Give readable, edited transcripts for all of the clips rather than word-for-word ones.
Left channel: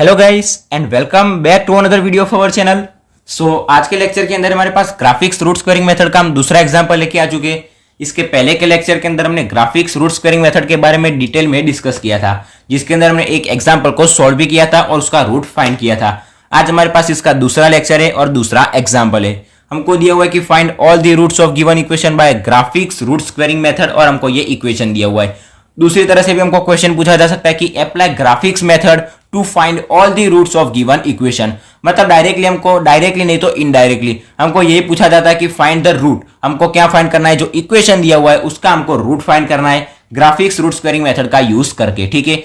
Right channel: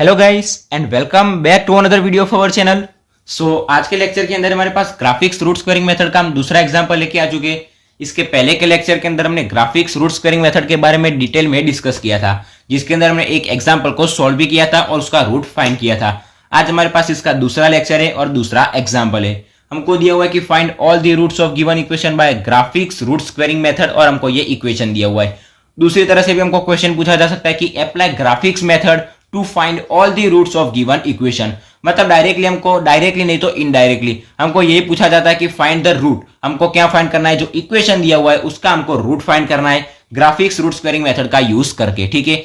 Hello guys and welcome back to another video of our channel. आज के lecture के अंदर हमारे पास ग्राफिक्स रूट स्क्वेयरिंग मेथड का हम दूसरा एग्जांपल लेके आ चुके हैं। इसके पहले के लेक्चर के अंदर हमने ग्राफिक्स रूट स्क्वेयरिंग मेथड के बारे में डिटेल में डिस्कस किया था, जिसके अंदर हमने एक एग्जांपल को सॉल्व भी किया था और उसका रूट फाइंड किया था। आज हमारे पास इसका दूसरा लेक्चर है और दूसरा एग्जाम्पल है। हमको दिया हुआ है कि find all the roots of given equation by Graeffe's root squaring method, और हमको ये इक्वेशन दिया हुआ है। दूसरी तरह से भी हमको क्वेश्चन पूछा जा सकता है कि apply Graeffe's method to find all the roots of given equation. मतलब डायरेक्टली नहीं तो इनडायरेक्टली हमको यही पूछा जाता है कि फाइंड द रूट। हमको क्या फाइंड करना है, जो इक्वेशन दिया हुआ है उसका हमको रूट फाइंड करना है ग्राफिक्स रूट स्क्वेयरिंग मेथड का यूज करके। ठीक है,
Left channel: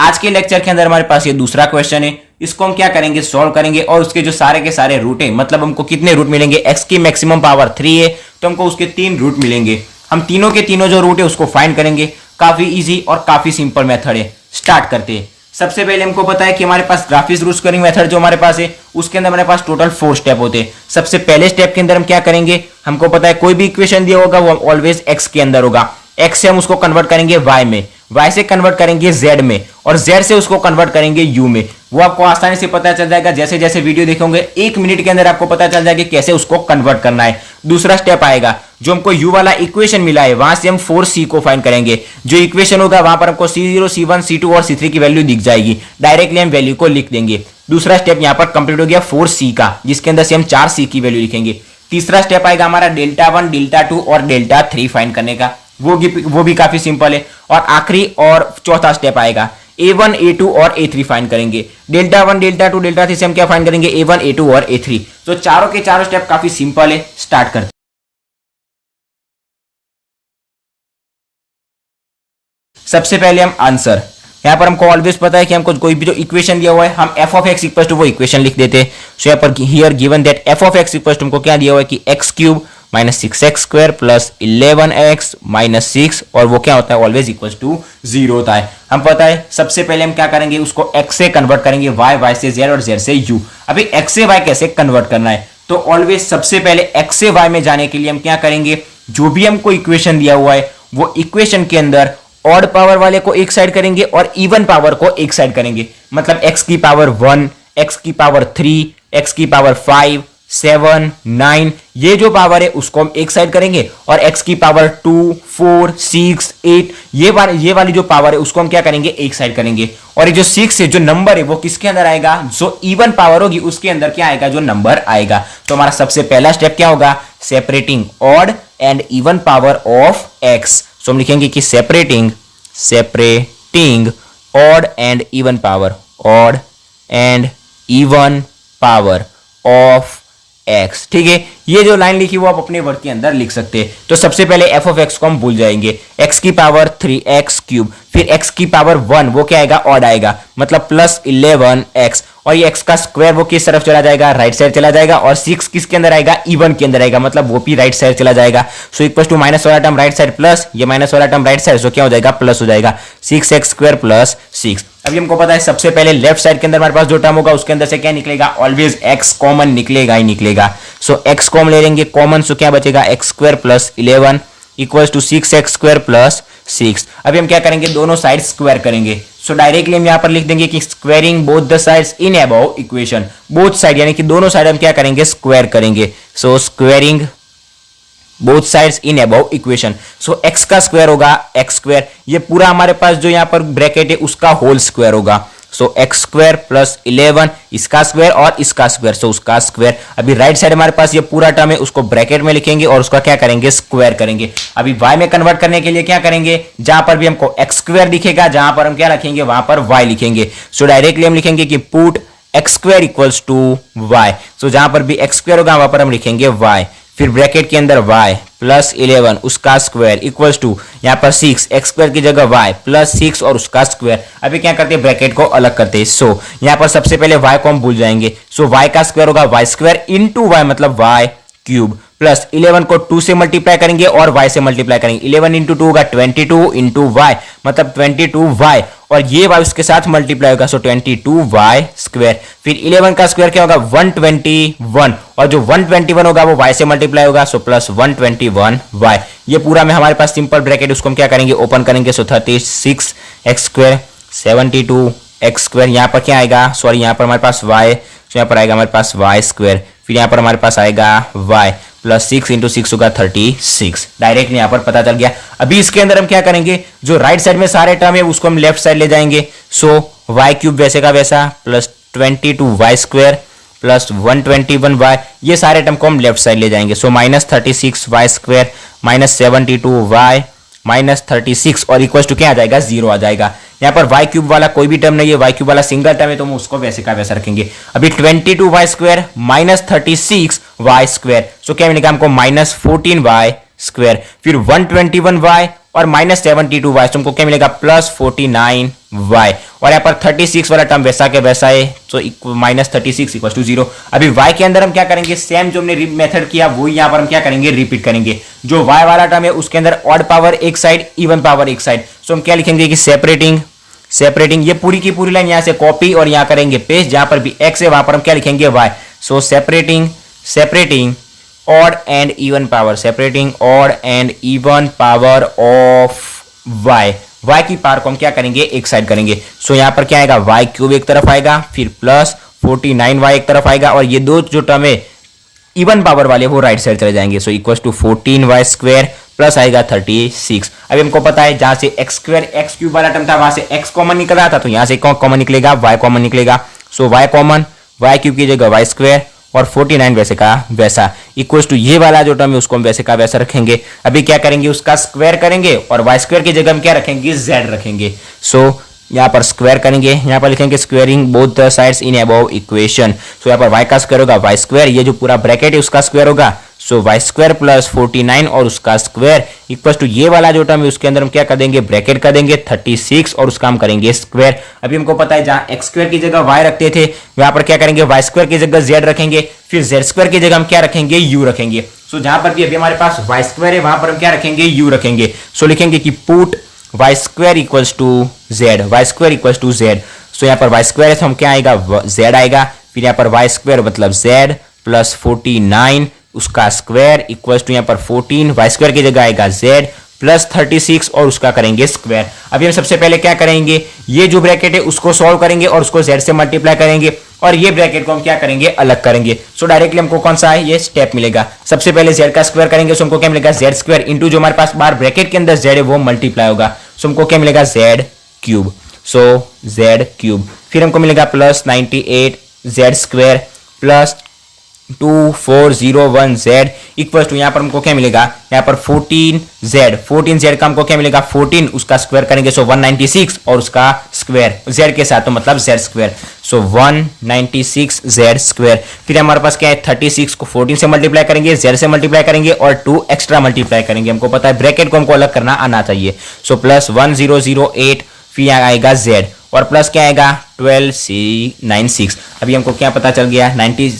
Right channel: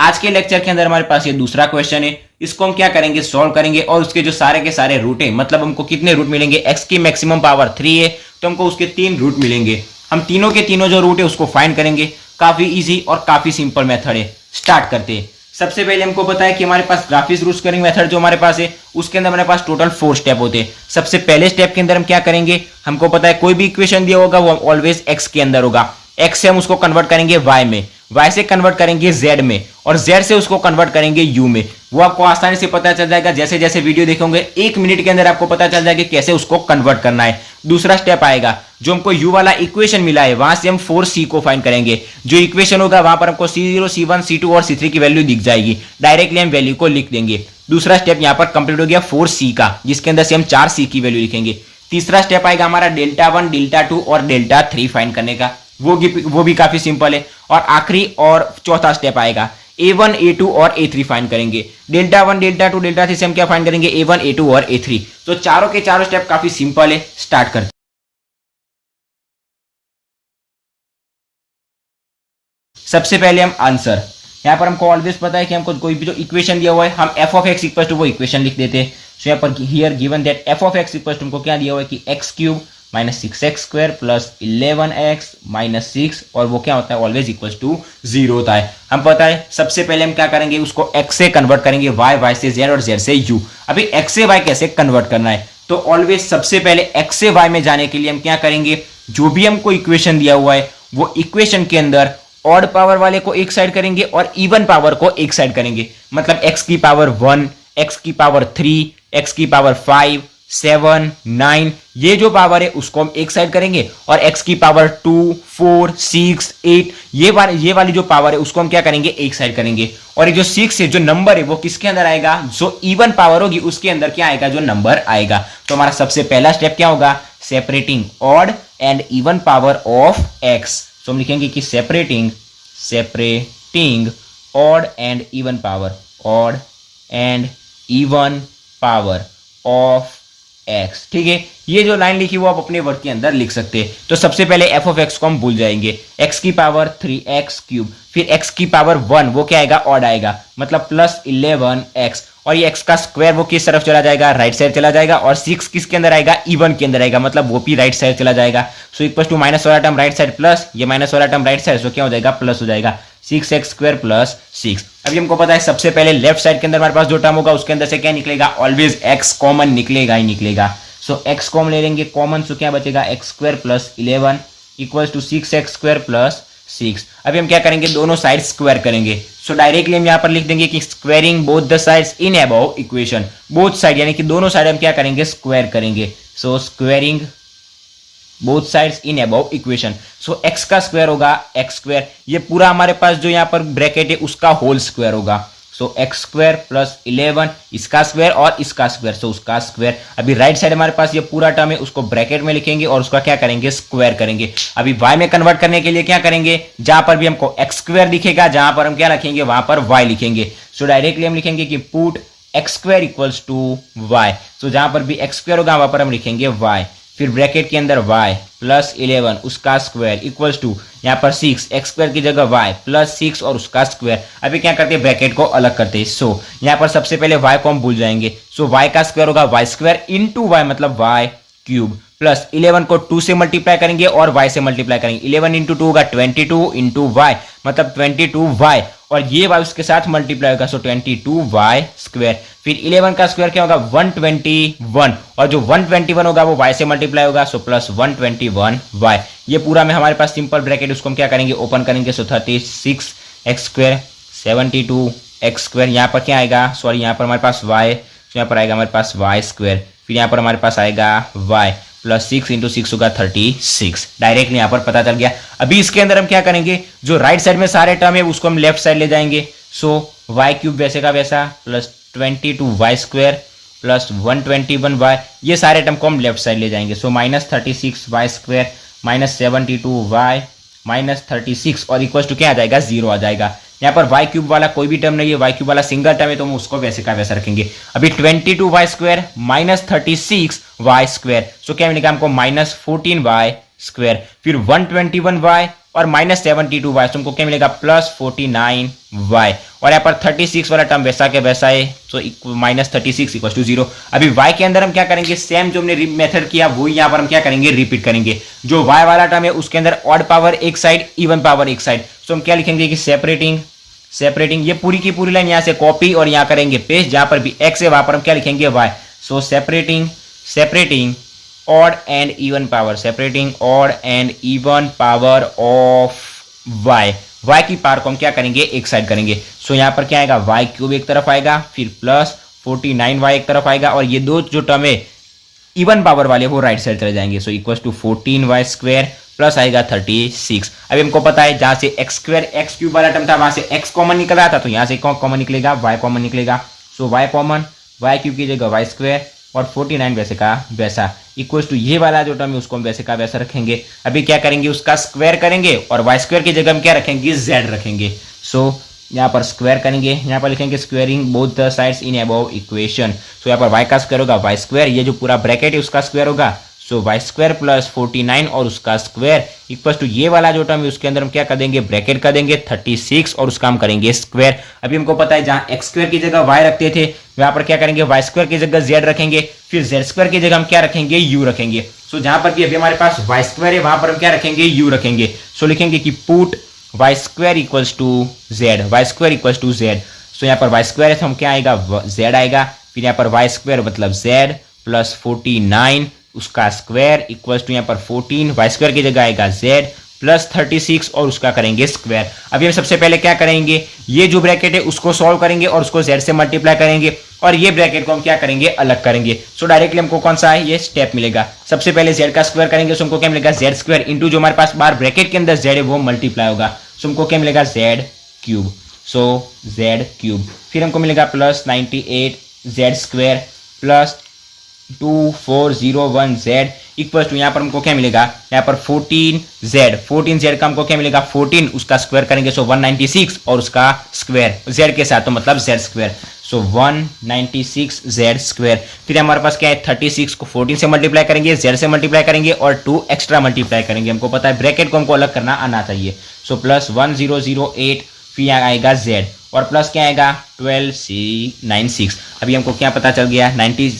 आज के लेक्चर के अंदर हमारे पास ये दूसरा क्वेश्चन है। इसको हम क्या करेंगे, सॉल्व करेंगे और उसके जो सारे के सारे रूट है, मतलब हमको कितने रूट मिलेंगे, एक्स की मैक्सिमम पावर 3 है तो हमको उसके 3 रूट मिलेंगे। हम तीनों के तीनों जो रूट है उसको फाइंड करेंगे। काफी इजी और काफी सिंपल मेथड है। स्टार्ट करते हैं। सबसे पहले हमको पता है कि हमारे पास ग्राफिक्स रूट स्क्वेयरिंग मेथड जो हमारे पास है उसके अंदर हमारे पास टोटल 4 स्टेप होते हैं। सबसे पहले स्टेप के अंदर हम क्या करेंगे, हमको पता है कोई भी इक्वेशन दिया होगा वो ऑलवेज एक्स के अंदर होगा। एक्स से हम उसको कन्वर्ट करेंगे वाई में, वाई से कन्वर्ट करेंगे जेड में, और जेड से उसको कन्वर्ट करेंगे यू में। वो आपको आसानी से पता चल जाएगा, जैसे जैसे वीडियो देखोगे 1 मिनट के अंदर आपको पता चल जाएगा कि कैसे उसको कन्वर्ट करना है। दूसरा स्टेप आएगा, जो हमको u वाला इक्वेशन मिला है वहां से हम 4c को फाइंड करेंगे। जो इक्वेशन होगा वहां पर हमको c0, c1, c2 और c3 की वैल्यू दिख जाएगी। डायरेक्टली हम वैल्यू को लिख देंगे। दूसरा स्टेप यहां पर कंप्लीट हो गया 4c का, जिसके अंदर से हम 4c की वैल्यू लिखेंगे। तीसरा स्टेप आएगा हमारा डेल्टा 1, डेल्टा 2 और डेल्टा 3 फाइंड करने का। वो भी काफी सिंपल है। और आखिरी और चौथा स्टेप आएगा a1, a2 और a3 फाइंड करेंगे। डेल्टा 1, डेल्टा 2, डेल्टा 3 से हम क्या फाइंड करेंगे, a1, a2 और a3। तो चारों के चारों स्टेप काफी सिंपल है। स्टार्ट करते। सबसे पहले हम आंसर, यहां पर हमको ऑलवेज पता है कि हमको कोई भी जो इक्वेशन दिया हुआ है हम f of x equal to वो इक्वेशन लिख देते हैं। सो यहां पर here given that f of x equal to हमको क्या दिया हुआ है कि x cube minus 6x square plus 11x minus 6, और वो क्या होता है, ऑलवेज इक्वल टू 0 होता है। हम पता है सबसे पहले हम क्या करेंगे, उसको x से कन्वर्ट करेंगे y, y से z और z से u। अभी x से y कैसे कन्वर्ट करना है, तो ऑलवेज सबसे पहले x से y में जाने के लिए हम क्या करेंगे, जो भी हमको इक्वेशन दिया हुआ है वो इक्वेशन के अंदर ऑड पावर वाले को एक साइड करेंगे और इवन पावर को एक साइड करेंगे। मतलब x की पावर 1, x की पावर 3, x की पावर 5, 7, 9, ये जो पावर है उसको हम एक साइड करेंगे, और x की पावर 2, 4, 6, 8 ये वाली जो पावर है उसको हम क्या करेंगे, एक साइड करेंगे। और ये जो 6 है, जो नंबर है वो किसके अंदर आएगा, जो इवन पावर होगी उसके अंदर क्या आएगा, जो नंबर आएगा। तो हमारा सबसे पहला स्टेप क्या होगा, separating odd and even power of x। सो हम लिखेंगे कि separating odd and even power, odd and even power of x। ठीक है, ये जो लाइन लिखी वो आप अपने वर्ड के अंदर लिख सकते हैं। तो सबसे पहले f ऑफ x को हम भूल जाएंगे, x की पावर 3x क्यूब, फिर x की पावर 1 वो क्या आएगा, ऑड आएगा, मतलब प्लस 11x, और ये x का स्क्वायर वो किस तरफ चला जाएगा, राइट साइड चला जाएगा, और 6 किसके अंदर आएगा, इवन के अंदर आएगा, मतलब वो भी राइट साइड चला जाएगा। सो इक्वल टू माइनस वाला टर्म राइट साइड प्लस, ये माइनस वाला टर्म राइट साइड, सो क्या हो जाएगा, प्लस हो जाएगा, 6x स्क्वायर प्लस 6। अभी हमको पता है सबसे पहले लेफ्ट साइड के अंदर हमारे पास जो टर्म होगा उसके अंदर से क्या निकलेगा, ऑलवेज x कॉमन निकलेगा ही निकलेगा। सो x कॉमन ले लेंगे कॉमन, सो क्या बचेगा, x square plus 11 equals to 6x square plus 6। अभी हम क्या करेंगे, दोनों साइड स्क्वायर करेंगे। सो डायरेक्टली हम यहाँ पर लिख देंगे कि squaring both the sides in above equation. Both side यानी कि दोनों साइड हम क्या करेंगे, स्क्वायर करेंगे। So squaring both sides in above equation. So x का स्क्वायर होगा x स्क्वायर, ये पूरा हमारे पास जो यहाँ पर ब्रैकेट है उसका होल स्क्वायर होगा। सो x स्क्वायर प्लस 11 इसका स्क्वायर और इसका स्क्वायर, सो उसका स्क्वायर। अभी राइट साइड हमारे पास ये पूरा टर्म है उसको ब्रैकेट में लिखेंगे और उसका क्या करेंगे, स्क्वायर करेंगे। अभी y में कन्वर्ट करने के लिए क्या करेंगे, जहां पर भी हमको x स्क्वायर दिखेगा जहां पर हम क्या रखेंगे, वहां पर y लिखेंगे। सो डायरेक्टली हम लिखेंगे कि put x square equals to y। So जहां पर भी x स्क्वायर होगा वहां पर हम लिखेंगे y, फिर ब्रैकेट के अंदर y प्लस 11 उसका स्क्वायर इक्वल्स टू यहाँ पर 6 x स्क्वायर की जगह y प्लस 6 और उसका स्क्वायर। अभी क्या करते हैं, ब्रैकेट को अलग करते हैं। सो यहाँ पर सबसे पहले y को हम भूल जाएंगे। सो y का स्क्वायर होगा y स्क्वायर इंटू y, मतलब y क्यूब, प्लस 11 को 2 से मल्टीप्लाई करेंगे और y से मल्टीप्लाई करेंगे। 11 इंटू 2 होगा 22 इंटू y, मतलब 22y, और ये y उसके साथ मल्टीप्लाई होगा, सो 22y स्क्वायर। फिर 11 का स्क्वायर क्या होगा, 121, और जो 121 होगा वो y से मल्टीप्लाई होगा, सो प्लस 121y। ये पूरा में हमारे पास सिंपल ब्रैकेट, उसको हम क्या करेंगे, ओपन करेंगे। सो 36x स्क्वायर 72 एक्स स्क्वायर, यहाँ पर क्या आएगा, सॉरी यहाँ पर हमारे पास वाई, तो यहाँ पर आएगा हमारे पास वाई स्क्वायर, फिर यहाँ पर हमारे पास आएगा वाई प्लस 6 इंटू 6 होगा 36। डायरेक्ट यहाँ पर पता चल गया। अभी इसके अंदर हम क्या करेंगे, जो राइट साइड में सारे टर्म है उसको हम लेफ्ट साइड ले जाएंगे। सो वाई क्यूब वैसे का वैसा plus 22 Y square plus 121 y, ये सारे टर्म को हम लेफ्ट साइड ले जाएंगे। So minus 36 Y square minus 72 y minus 36 और इक्वल टू क्या आ जाएगा, 0 आ जाएगा। यहाँ पर वाई क्यूब वाला कोई भी टर्म नहीं है, वाई क्यूब वाला सिंगल टर्म है, तो हम उसको वैसे का वैसा रखेंगे। अभी 22 Y square minus 36 Y square, so क्या मिलेगा हमको माइनस 14 वाई स्क्वायर, फिर 121 वाई और माइनस 72 वाई, तो हमको क्या मिलेगा प्लस 49 वाई, और यहाँ पर 36 वाला टर्म वैसा के वैसा है, तो माइनस 36 इक्वल टू 0। अभी वाई के अंदर हम क्या करेंगे, सेम जो हमने मेथड किया वो यहाँ पर हम क्या करेंगे, रिपीट करेंगे। जो वाई वाला टर्म है उसके अंदर ऑड पावर एक साइड, इवन पावर एक साइड, सो हम क्या लिखेंगे कि सेपरेटिंग ये पूरी की पूरी लाइन यहाँ से कॉपी और यहाँ करेंगे पेस्ट, जहां पर भी एक्स है वहां पर हम क्या लिखेंगे y. So separating odd and even power, separating odd and even power of y की पावर को हम क्या करेंगे, एक साइड करेंगे। सो यहाँ पर क्या आएगा, वाई क्यूब एक तरफ आएगा, फिर प्लस 49 वाई एक तरफ आएगा, और ये दो जो टर्म है इवन पावर वाले वो राइट साइड चले जाएंगे। So equal to 14 y square plus आएगा 36। अभी हमको पता है जहां से एक्स स्क्वायर एक्स क्यूब वाला टर्म था वहां से एक्स कॉमन निकल रहा था, तो यहां से कॉमन निकलेगा, वाई कॉमन निकलेगा। सो वाई कॉमन, वाई क्यूब की जगह वाई स्क्वायर और 49 वैसे का वैसा इक्वल टू ये वाला जो टर्म है उसको हम वैसे का वैसा रखेंगे। अभी क्या करेंगे, उसका स्क्वायर करेंगे और वाई स्क्वायर की जगह हम क्या रखेंगे, जेड रखेंगे। सो यहाँ पर स्क्वायर करेंगे, यहाँ पर लिखेंगे squaring both the sides in above equation. So यहाँ पर वाई का स्क्वायर होगा वाई स्क्वायर, ये जो पूरा ब्रैकेट है उसका स्क्वायर होगा। सो वाई स्क्वायर प्लस 49 और उसका स्क्वायर इक्वल टू ये वाला जो टर्म है उसके अंदर हम क्या कर देंगे, ब्रैकेट कर देंगे 36 और उसका हम करेंगे स्क्वायर। अभी हमको पता है जहां एक्स स्क्वायर की जगह वाई रखते थे वहां पर क्या करेंगे, वाई स्क्वायर की जगह जेड रखेंगे, फिर जेड स्क्वायर की जगह हम क्या रखेंगे, यू रखेंगे। सो जहां पर भी अभी हमारे पास वाई स्क्वायर है वहां पर हम क्या रखेंगे, यू रखेंगे। सो लिखेंगे कि put Y square equals to Z, Y square equals to Z. So यहाँ पर वाई स्क्वायर है तो हम क्या आएगा, जेड आएगा, फिर यहाँ पर वाई स्क्वायर मतलब जेड प्लस 49 उसका स्क्वायर इक्वल्स टू यहाँ पर 14 वाई स्क्वायर की जगह आएगा जेड प्लस 36 और उसका करेंगे स्क्वायर। अभी हम सबसे पहले क्या करेंगे, ये जो ब्रैकेट है उसको सॉल्व करेंगे और उसको जेड से मल्टीप्लाई करेंगे और ये ब्रैकेट को हम क्या करेंगे, अलग करेंगे। सो डायरेक्टली हमको कौन सा है, ये स्टेप मिलेगा। सबसे पहले जेड का स्क्वायर करेंगे, सो हमको क्या मिलेगा, जेड स्क्वायर इंटू जो हमारे पास बाहर ब्रैकेट के अंदर जेड है वो मल्टीप्लाई होगा, सो हमको क्या मिलेगा, z cube. So Z cube, फिर हमको मिलेगा plus 98 Z square plus 2401 z equal to यहाँ पर हमको क्या मिलेगा, यहाँ पर 14 जेड का हमको क्या मिलेगा, 14 उसका स्क्वायर करेंगे, सो 196 और उसका स्क्वायर जेड के साथ, तो मतलब जेड स्क्वायर। सो 196 जेड स्क्वायर, फिर हमारे पास क्या है, 36 को 14 से मल्टीप्लाई करेंगे, जेड से मल्टीप्लाई करेंगे और 2 एक्स्ट्रा मल्टीप्लाई करेंगे। हमको पता है ब्रैकेट को हमको अलग करना आना चाहिए। सो प्लस 1008 फिर यहाँ आएगा जेड और प्लस क्या आएगा 1296। अभी हमको क्या पता चल गया,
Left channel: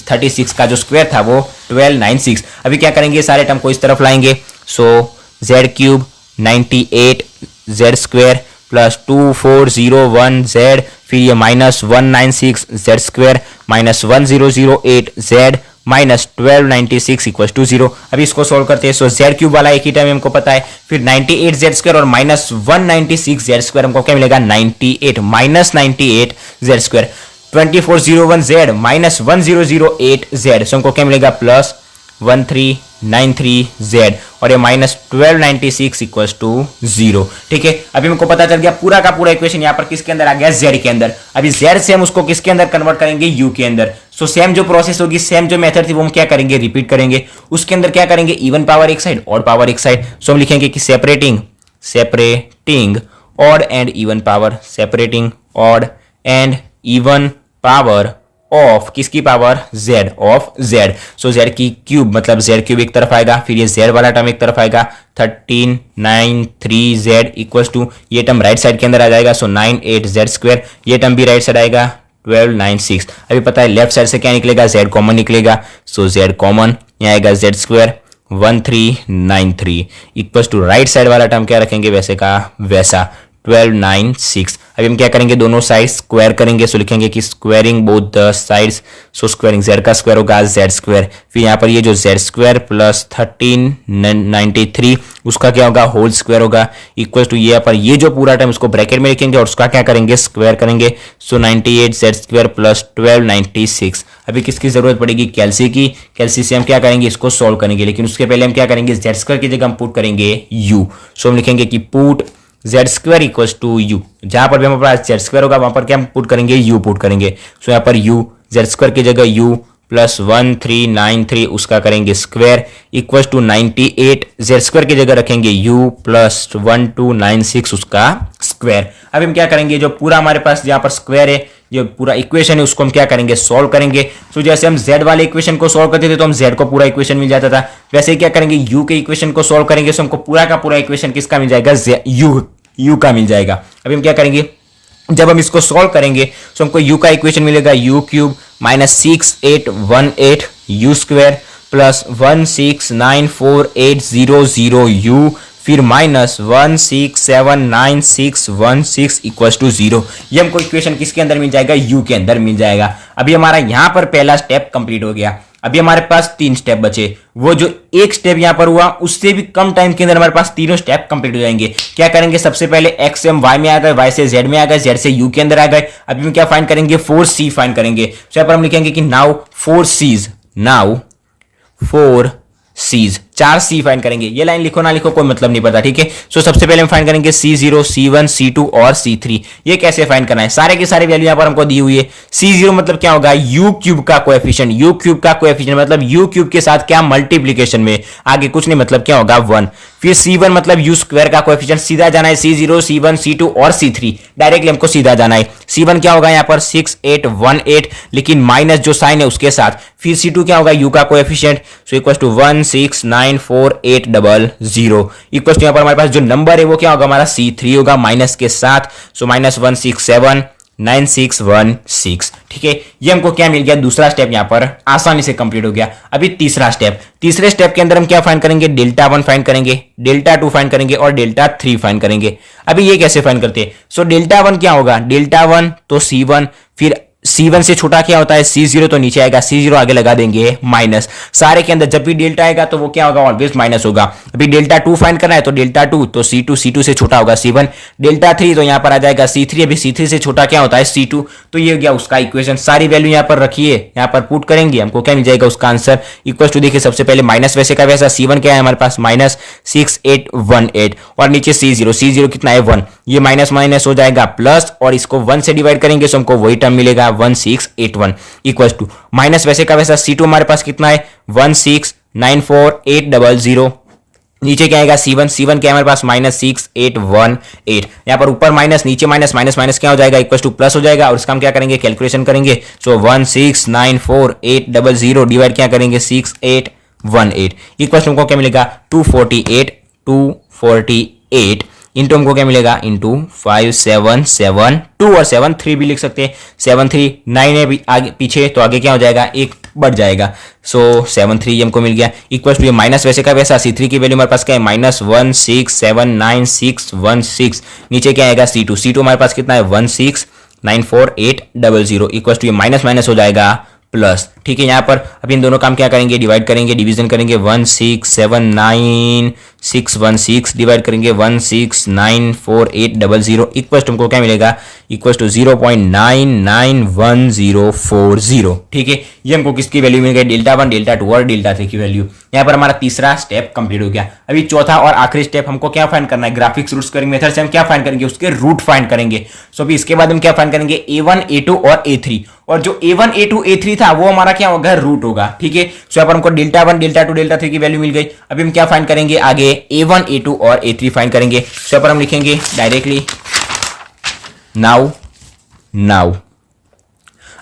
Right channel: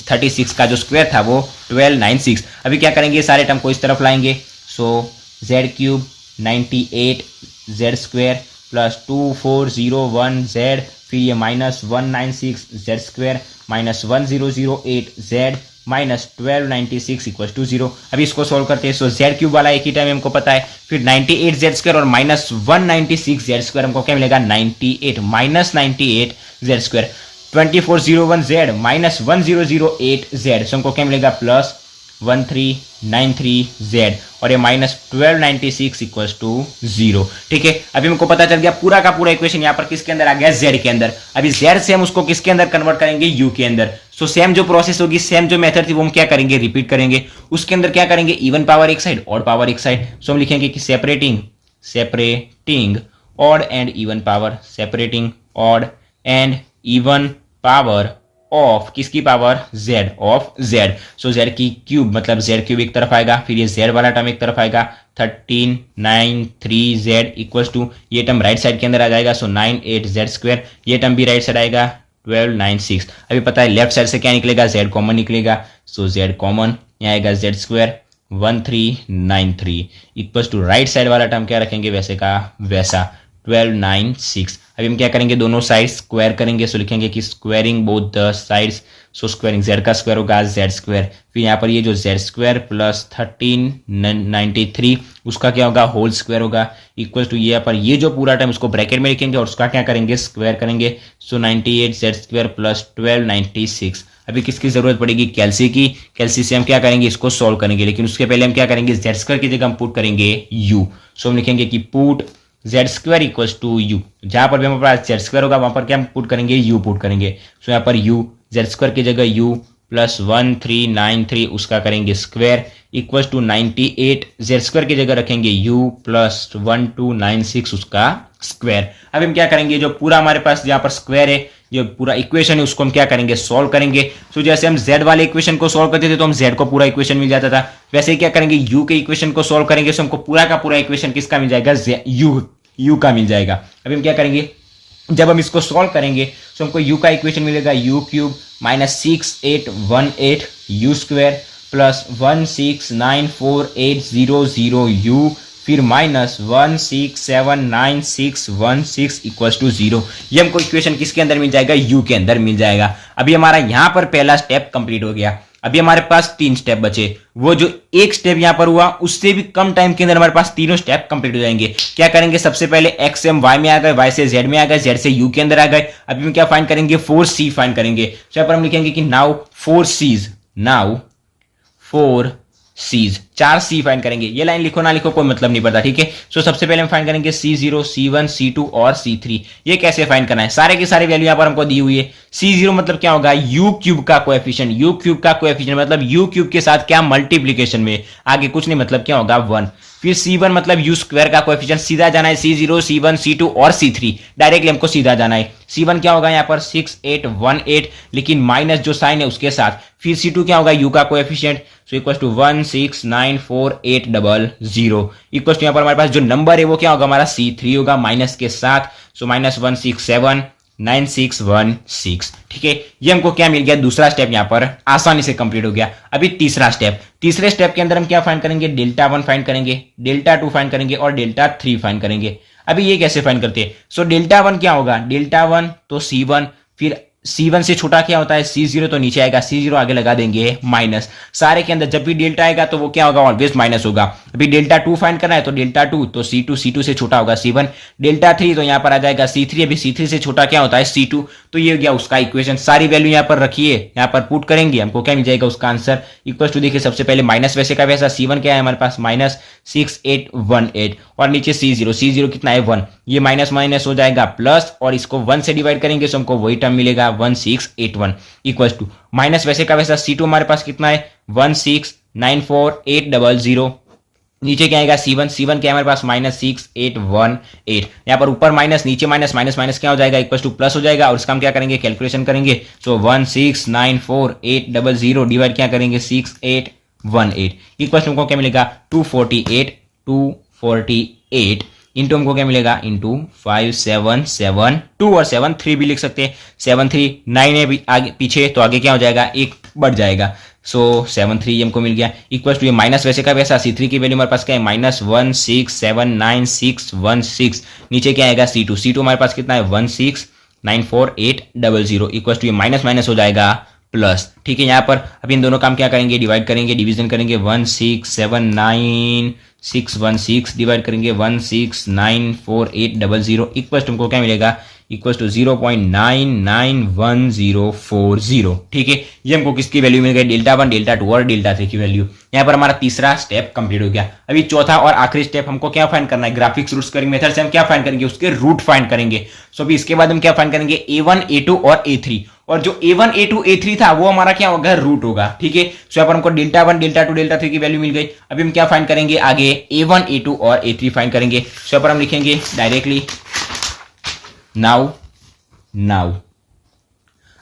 36 का जो स्क्वायर था वो 1296। अभी क्या करेंगे, सारे टर्म को इस तरफ लाएंगे। So Z cube 98 Z square plus 2401 Z, फिर ये minus 196 Z square minus 1008 Z minus 1296 equal to 0। अभी इसको सोल्व करते हैं। सो जेड क्यूब वाला एक ही टाइम हमको पता है, फिर 98 जेड स्क्वायर और माइनस 196 जेड स्क्वायर, हमको क्या मिलेगा 98 minus 98 Z square, 2401 Z minus 1008 Z, so हमको क्या मिलेगा प्लस 1393 जेड और ये माइनस 1296 इक्वल टू 0। ठीक है, अभी हमको पता चल गया पूरा का पूरा इक्वेशन यहाँ पर किसके अंदर आ गया, जेड के अंदर। अभी जेड से हम उसको किसके अंदर कन्वर्ट करेंगे, यू के अंदर। सो सेम जो प्रोसेस होगी, सेम जो मेथड थी वो हम क्या करेंगे, रिपीट करेंगे। उसके अंदर क्या करेंगे, इवन पावर एक साइड, ऑड पावर एक साइड। सो हम लिखेंगे कि separating odd and even power, separating odd and even power of किसकी power, z, of z. So z की क्यूब मतलब जेड क्यूब एक तरफ आएगा, फिर ये जेड वाला टर्म एक तरफ आएगा 1393 जेड इक्वल टू ये टर्म राइट साइड के अंदर आ जाएगा। सो 98 जेड स्क्वायर, ये टर्म भी राइट साइड आएगा 1296। अभी पता है लेफ्ट साइड से क्या निकलेगा, जेड कॉमन निकलेगा। सो जेड कॉमन, यहाँ आएगा z square 1393 equal to right side वाला टर्म क्या रखेंगे, वैसे का वैसा 1296। अभी हम क्या करेंगे, दोनों साइड स्क्वायर करेंगे। सो लिखेंगे कि squaring both the sides, so squaring Z का स्क्वायर होगा जेड स्क्वायर, फिर यहाँ पर ये जो जेड स्क्वायर प्लस 1393 उसका क्या होगा, होल स्क्वायर होगा, इक्वल टू ये पर ये जो पूरा टर्म उसको ब्रैकेट में लिखेंगे और उसका क्या करेंगे, स्क्वायर करेंगे। सो 98 जेड स्क्वायर प्लस 1296। अभी किसकी जरूरत पड़ेगी, कैल्सी की। कैल्सी से हम क्या करेंगे, इसको सॉल्व करेंगे, लेकिन उसके पहले हम क्या करेंगे, जेड स्क्वायर की जगह हम पुट करेंगे यू। सो हम लिखेंगे कि put z square equals to u. जहां पर भी हमारे पास जेड स्क्वायर होगा वहां पर क्या हम पुट करेंगे, यू पुट करेंगे। सो यहाँ पर यू जेड स्क्वायर की जगह यू प्लस 1393 उसका करेंगे square equals to 98 Z square की जगह रखेंगे यू प्लस 1296 उसका स्क्वायर। अब हम क्या करेंगे, जो पूरा हमारे पास जहां पर स्क्वायर है, जो पूरा इक्वेशन है उसको हम क्या करेंगे, सॉल्व करेंगे। सो जैसे हम z वाले इक्वेशन को सॉल्व करते थे तो हम z को पूरा इक्वेशन मिल जाता था, वैसे ही क्या करेंगे, u के इक्वेशन को सॉल्व करेंगे तो हमको पूरा का पूरा इक्वेशन किसका मिल जाएगा, u का मिल जाएगा। अभी हम क्या करेंगे, जब हम इसको सॉल्व करेंगे तो हमको u का इक्वेशन मिलेगा u cube minus 6818 u square plus 1694800 u फिर माइनस 1679616 इक्वल्स टू 0। ये हमको इक्वेशन किसके अंदर मिल जाएगा, u के अंदर मिल जाएगा। अभी हमारा यहां पर पहला स्टेप कंप्लीट हो गया। अभी हमारे पास 3 स्टेप बचे, वो जो एक स्टेप यहां पर हुआ उससे भी कम टाइम के अंदर हमारे पास तीनों स्टेप कंप्लीट हो जाएंगे। क्या करेंगे, सबसे पहले x से हम y में आ गए, y से z में आ गए, z से u के अंदर आ गए। अभी हम क्या फाइंड करेंगे, 4c फाइंड करेंगे। तो यहां पर हम लिखेंगे कि now 4c's, now 4c's, 4c find करेंगे। ये लाइन लिखो ना लिखो कोई मतलब नहीं पड़ता, ठीक है। सो सबसे पहले हम फाइंड करेंगे c0, c1, c2 और c3। ये कैसे फाइंड करना है, सारे के सारे वैल्यू यहां पर हमको दी हुई है। c0 मतलब क्या होगा, u क्यूब का कोएफिशिएंट, u क्यूब का कोएफिशिएंट मतलब u क्यूब के साथ क्या मल्टीप्लीकेशन में, आगे कुछ नहीं मतलब क्या होगा 1। फिर c1 मतलब u स्क्वायर का कोएफिशिएंट, सीधा जाना है c0, c1, c2 और c3, डायरेक्टली हमको सीधा जाना है। c1 क्या होगा यहाँ पर 6818, लेकिन माइनस जो साइन है उसके साथ। फिर c2 क्या होगा, u का coefficient, so equal to 1694800 equal to यहाँ पर हमारे पास जो नंबर है वो क्या होगा, हमारा c3 होगा माइनस के साथ। सो माइनस 1679616, ठीक है। ये हमको क्या मिल गया, दूसरा स्टेप यहाँ पर आसानी से कंप्लीट हो गया। अभी तीसरा स्टेप, तीसरे स्टेप के अंदर हम क्या फाइंड करेंगे, डेल्टा 1 फाइंड करेंगे, डेल्टा 2 फाइंड करेंगे और डेल्टा 3 फाइंड करेंगे। अभी ये कैसे फाइंड करते हैं, सो डेल्टा 1 क्या होगा, डेल्टा 1 तो c1, फिर c1 से छोटा क्या होता है c0, तो नीचे आएगा c0 आगे लगा देंगे माइनस। सारे के अंदर जब भी डेल्टा आएगा तो वो क्या होगा, ऑलवेज माइनस होगा। अभी डेल्टा 2 फाइंड करना है तो डेल्टा 2 तो c2 से छोटा होगा c1, डेल्टा 3 तो यहां पर आ जाएगा c3, अभी c3 से छोटा क्या होता है c2, तो ये गया उसका इक्वेशन। सारी वैल्यू यहां पर रखिए, यहां पर पुट करेंगे, हमको क्या मिल जाएगा उसका आंसर इक्वल टू, देखिए सबसे पहले माइनस वैसे का वैसा, c1 क्या है हमारे पास माइनस 6818 और नीचे c0 कितना है 1, ये माइनस माइनस हो जाएगा प्लस और इसको 1 से डिवाइड करेंगे तो हमको वही टर्म मिलेगा 1681 इक्वल टू माइनस वैसे का वैसा c2 हमारे पास कितना है 1694800, नीचे क्या आएगा c1 क्या है हमारे पास माइनस 6818, यहाँ पर ऊपर माइनस नीचे माइनस माइनस माइनस क्या हो जाएगा इक्वल टू प्लस हो जाएगा और इसका हम क्या करेंगे कैलकुलेशन करेंगे। सो 1694800 डिवाइड क्या करेंगे 6818 इक्वल टू हमको क्या मिलेगा 248 इंटू हमको क्या मिलेगा इंटू 5772 और 73 भी लिख सकते हैं, 739 है आगे पीछे तो आगे क्या हो जाएगा एक बढ़ जाएगा। सो 73 हमको मिल गया इक्वल टू ये माइनस वैसे का वैसा c3 की वैल्यू हमारे पास क्या है माइनस 1679616, नीचे क्या आएगा c2 हमारे पास कितना है 1694800 इक्वल टू ये माइनस माइनस हो जाएगा प्लस, ठीक है। यहाँ पर अभी इन दोनों काम क्या करेंगे, डिवाइड करेंगे, डिवीजन करेंगे, 1679616 डिवाइड करेंगे 1694800 इक्वल टू हमको क्या मिलेगा इक्वल टू 0.991040, ठीक है। ये हमको किसकी वैल्यू मिल गई, डेल्टा 1, डेल्टा 2 और डेल्टा 3 की वैल्यू। यहाँ पर हमारा तीसरा स्टेप कंप्लीट हो गया। अभी चौथा और आखिरी स्टेप हमको क्या फाइंड करना है, ग्राफिक्स रूट स्क्वायरिंग मेथड से हम क्या फाइंड करेंगे, उसके रूट फाइंड करेंगे। सो अभी इसके बाद हम क्या फाइंड करेंगे a1 a2 और a3, और जो a1 a2 a3 था वो हमारा क्या होगा रूट होगा, ठीक है। सो यहाँ पर हमको डेल्टा 1 डेल्टा 2 डेल्टा 3 की वैल्यू मिल गई। अभी हम क्या फाइंड करेंगे आगे a1 a2 और a3 फाइंड करेंगे। सो यहाँ पर हम लिखेंगे डायरेक्टली नाउ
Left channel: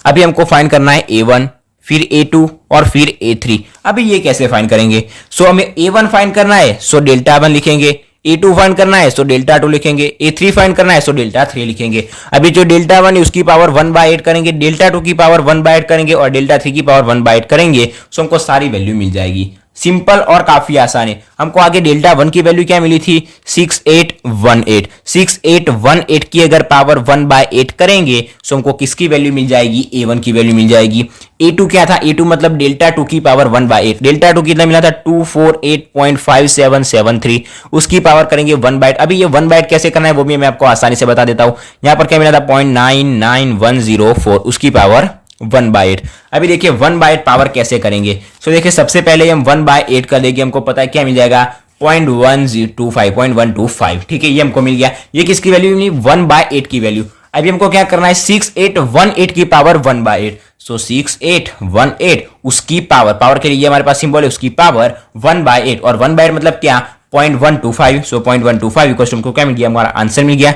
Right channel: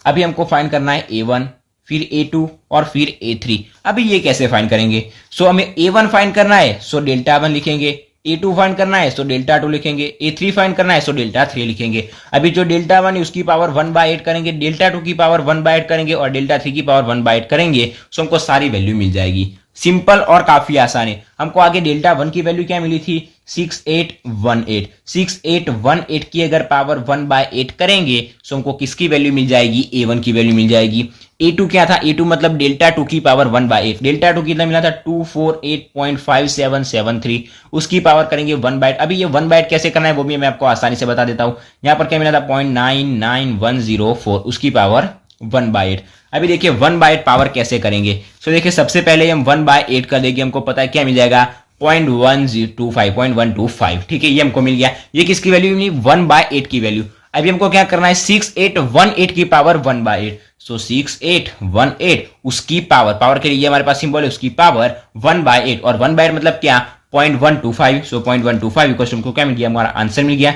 अभी हमको फाइंड करना है a1 फिर a2 और फिर a3। अभी ये कैसे फाइंड करेंगे, सो हमें a1 फाइंड करना है सो डेल्टा 1 लिखेंगे, a2 फाइंड करना है सो डेल्टा 2 लिखेंगे, a3 फाइंड करना है सो डेल्टा 3 लिखेंगे। अभी जो डेल्टा 1 है उसकी पावर 1/8 करेंगे, डेल्टा 2 की पावर 1/8 करेंगे और डेल्टा 3 की पावर 1/8 करेंगे, सो हमको सारी वैल्यू मिल जाएगी। सिंपल और काफी आसान है। हमको आगे डेल्टा वन की वैल्यू क्या मिली थी 6818। 6818 की अगर पावर 1/8 करेंगे तो हमको किसकी वैल्यू मिल जाएगी, A1 की वैल्यू मिल जाएगी। A2 क्या था, A2 मतलब डेल्टा 2 की पावर 1/8। डेल्टा 2 कितना मिला था 248.5773, उसकी पावर करेंगे 1/8। अभी ये 1/8 कैसे करना है वो भी मैं आपको आसानी से बता देता हूं। यहां पर क्या मिला था 0.99104, उसकी पावर 1/8। अभी देखिए 1/8 पावर कैसे करेंगे। सो देखिए सबसे पहले हम 1/8 कर देंगे, हमको पता है क्या मिल जाएगा 0.125, ठीक है, ये हमको मिल गया। ये किसकी वैल्यू मिली 1/8 की वैल्यू। अभी हमको क्या करना है 6818 की पावर 1/8। सो 6818 उसकी पावर के लिए हमारे पास सिंबल है उसकी पावर 1/8, और 1/8 मतलब क्या 0.125। सो 0.125 इक्वल टू हमको क्या मिल गया, हमारा आंसर मिल गया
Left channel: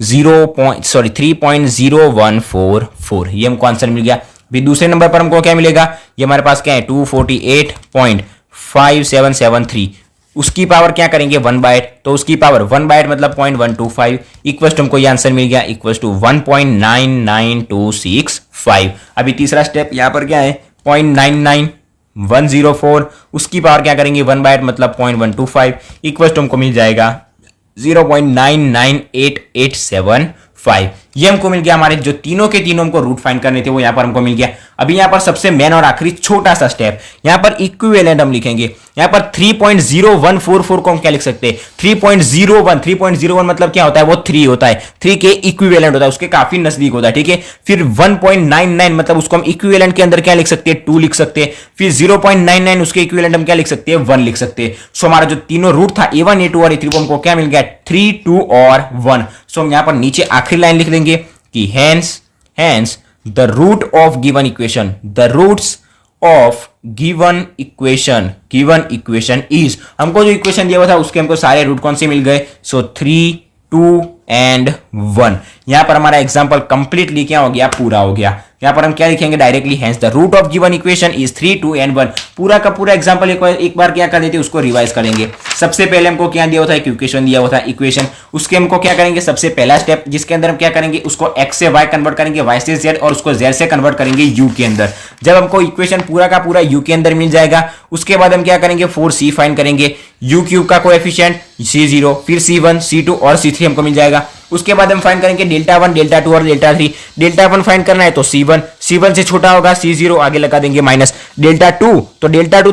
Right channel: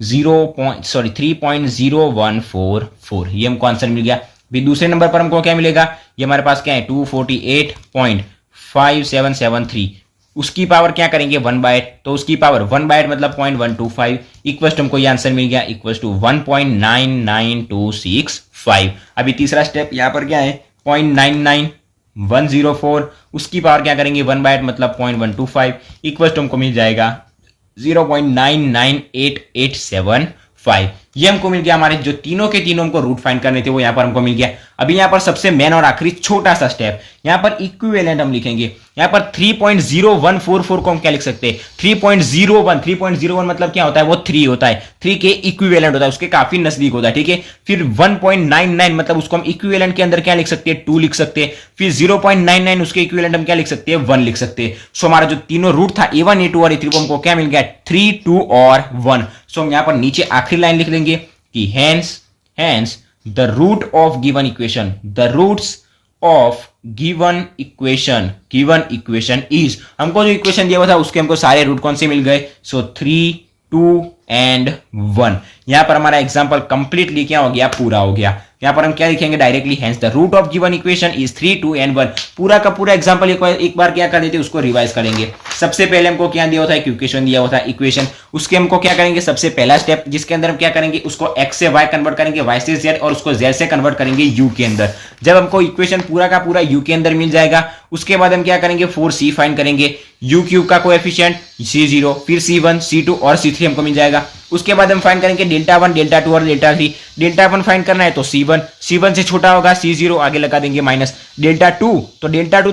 3.0144, ये हमको आंसर मिल गया। भी दूसरे नंबर पर हमको क्या मिलेगा, ये हमारे पास क्या है 248.5773, उसकी पावर क्या करेंगे 1/8, तो उसकी पावर 1/8 मतलब 0.125 इक्वल टू हमको ये आंसर मिल गया इक्वल टू 1.99265। अभी तीसरा स्टेप यहां पर क्या है 0.99104, उसकी पावर क्या करेंगे 1/8 मतलब 0.125 इक्वल टू हमको मिल जाएगा 0.998875। ये हमको मिल गया। हमारे जो तीनों के तीनों हमको रूट फाइंड करने थे वो यहां पर हमको मिल गया। अभी यहां पर सबसे मेन और आखिरी छोटा सा स्टेप, यहां पर इक्विवेलेंट हम लिखेंगे। यहां पर 3.0144 को हम क्या लिख सकते हैं 3.01 मतलब क्या होता है वो 3 होता है, 3 के इक्विवेलेंट होता है, उसके काफी नजदीक होता है, ठीक है। फिर 1.99 मतलब उसको हम इक्विवेलेंट के अंदर क्या लिख सकते हैं 2 लिख सकते हैं। फिर 0.99 उसके इक्विवेलेंट हम क्या लिख सकते हैं 1 लिख सकते हैं। सो हमारा जो तीनों रूट था A1 A2 और A3 को हमको क्या मिल गया 3, 2 और 1। सो हम यहां पर नीचे आखिरी लाइन लिख देंगे कि hence the root of given equation, the roots of given equation is, हमको जो इक्वेशन दिया हुआ था उसके हमको सारे रूट कौन से मिल गए। सो 3, 2 एंड 1। यहां पर हमारा एग्जांपल कंप्लीटली क्या हो गया, पूरा हो गया। यहां पर हम क्या लिखेंगे directly hence the root of given equation is 3, 2 and 1। पूरा का पूरा एग्जांपल एक बार क्या कर लेते उसको रिवाइज करेंगे। सबसे पहले हमको क्या दिया हुआ था इक्वेशन दिया हुआ था इक्वेशन, उसके हमको क्या करेंगे सबसे पहला स्टेप जिसके अंदर हम क्या करेंगे उसको x से y कन्वर्ट करेंगे, y से z और उसको z से कन्वर्ट करेंगे u के अंदर। जब हमको इक्वेशन पूरा का पूरा u के अंदर मिल जाएगा उसके बाद हम क्या करेंगे 4c फाइंड करेंगे, u क्यूब का कोएफिशिएंट c0, फिर c1, c2 और c3 हमको मिल जाएगा। उसके बाद हम फाइंड करेंगे डेल्टा 1, डेल्टा 2 और डेल्टा 3। डेल्टा 1 फाइंड करना है तो c1 से छोटा होगा c0, आगे लगा देंगे माइनस। डेल्टा 2 तो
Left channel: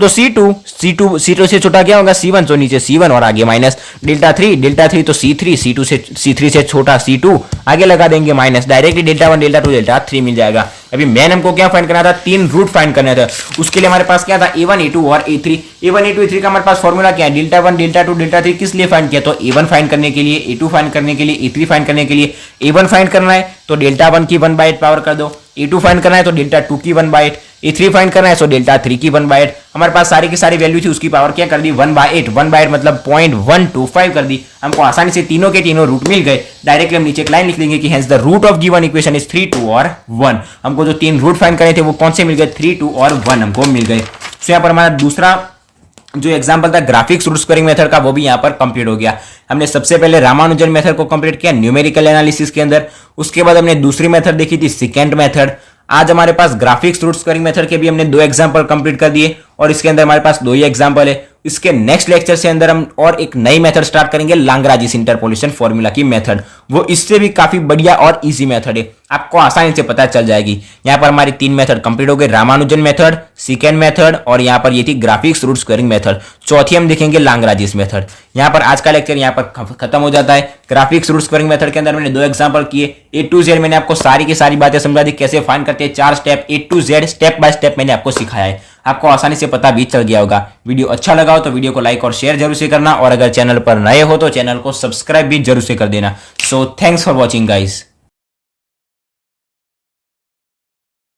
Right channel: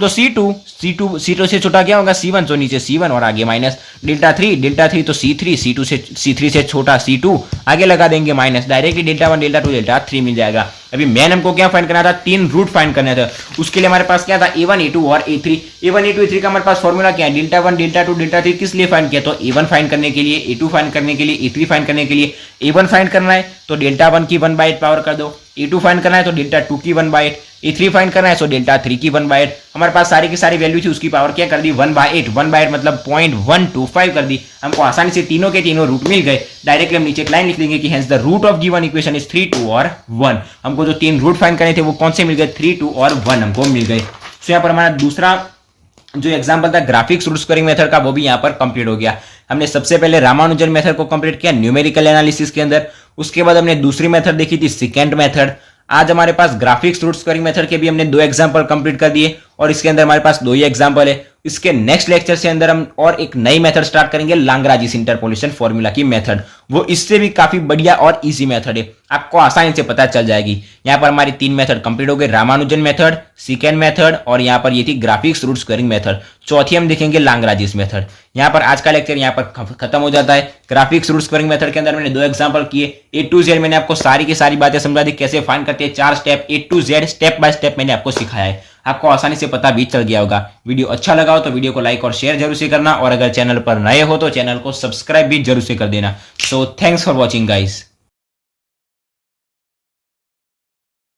c2 से छोटा क्या होगा c1, तो नीचे c1 और आगे माइनस। डेल्टा 3 तो c3 से छोटा c2, आगे लगा देंगे minus. Directly delta 1, delta 2, delta 3 मिल जाएगा। अभी मेन हमको क्या फाइंड करना था 3 रूट फाइंड करना था। उसके लिए हमारे पास क्या था A1, A2 और A3। A1, A2, A3 का हमारे पास फॉर्मूला क्या है डेल्टा 1, डेल्टा 2, डेल्टा 3 किस लिए फाइंड किया, तो A1 फाइंड करने के लिए, A2 फाइंड करने के लिए, A3 फाइंड करने के लिए। A1 फाइंड करना है तो डेल्टा 1 की 1/8 पावर कर दो, A2 फाइंड करना है तो डेल्टा 2 की 1/8, A3 फाइंड करना है तो डेल्टा 3 की 1/8। हमारे पास सारी की सारी वैल्यू थी, उसकी पावर क्या कर दी 1/8 मतलब 0.125 कर दी। हमको आसानी से तीनों के तीनों रूट मिल गए। डायरेक्टली हम नीचे एक लाइन लिख देंगे कि hence the root of given equation is 3, 2 और 1। हमको जो 3 रूट फाइंड करे थे वो कौन से मिल गए 3, 2 और 1 हमको मिल गए। तो यहाँ पर हमारा दूसरा जो एग्जांपल था ग्राफिक्स रूट स्क्वायरिंग मेथड का वो भी यहाँ पर कंप्लीट हो गया। हमने सबसे पहले रामानुजन मेथड को कंप्लीट किया न्यूमेरिकल एनालिसिस के अंदर। उसके बाद हमने दूसरी मेथड देखी थी सेकेंड मेथड। आज हमारे पास ग्राफिक्स रूट स्क्वायरिंग मेथड के भी हमने 2 एग्जांपल कंप्लीट कर दिए और इसके अंदर हमारे पास 2 ही एग्जांपल है। इसके नेक्स्ट लेक्चर से अंदर हम और एक नई मेथड स्टार्ट करेंगे लाग्रांज इंटरपोलेशन फॉर्मूला की मेथड। वो इससे भी काफी बढ़िया और इजी मेथड है, आपको आसानी से पता चल जाएगी। यहाँ पर हमारी 3 मेथड कंप्लीट हो गए, रामानुजन मेथड, सेकेंड मेथड और यहाँ पर ये थी ग्राफिक्स रूट स्क्वायरिंग मेथड। चौथी हम देखेंगे लाग्रांज मेथड। यहाँ पर आज का लेक्चर यहाँ पर खत्म हो जाता है। ग्राफिक्स रूट स्क्वायरिंग मेथड के अंदर मैंने 2 एग्जांपल किए, A to Z मैंने आपको सारी की सारी बातें समझा दी, कैसे फाइंड करते हैं 4 step A to Z step by step मैंने आपको सिखाया है। आपको आसानी से पता भी चल गया होगा। वीडियो अच्छा लगा हो तो वीडियो को लाइक और शेयर जरूर से करना, और अगर चैनल पर नए हो तो चैनल को सब्सक्राइब भी जरूर से कर देना। So thanks for watching guys.